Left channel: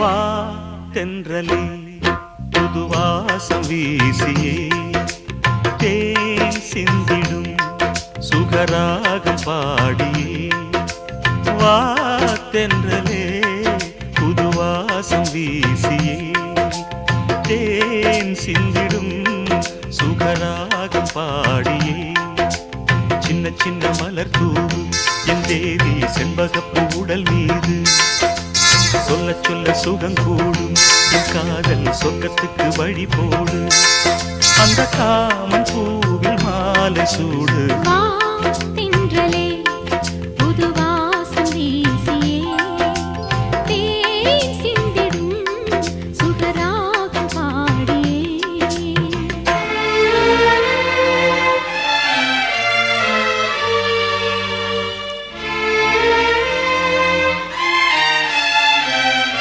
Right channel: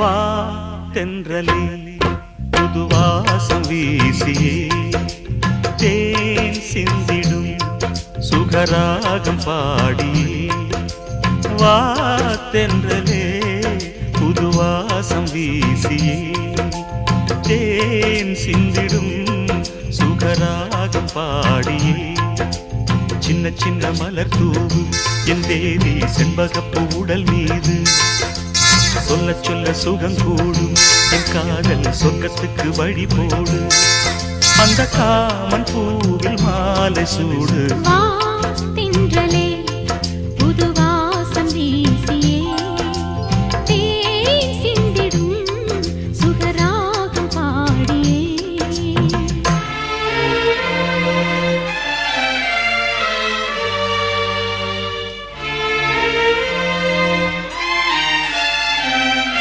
வா தென்றலே புது வாசம் வீசியே தேன் சிந்திடும் சுகராகம் பாடியே வா தென்றலே புது வாசம் வீசியே தேன் சிந்திடும் சுகராகம் பாடியே சின்ன சின்ன மலர் தூவு என் தேவி செண்பகப்பூ உடல் மீது சொல்ல சொல்ல சுகம் கூடும் என் காதல் சொர்க்கத்துக்கு வழி போடு அந்த காமன் பூவில் மாலை சூடு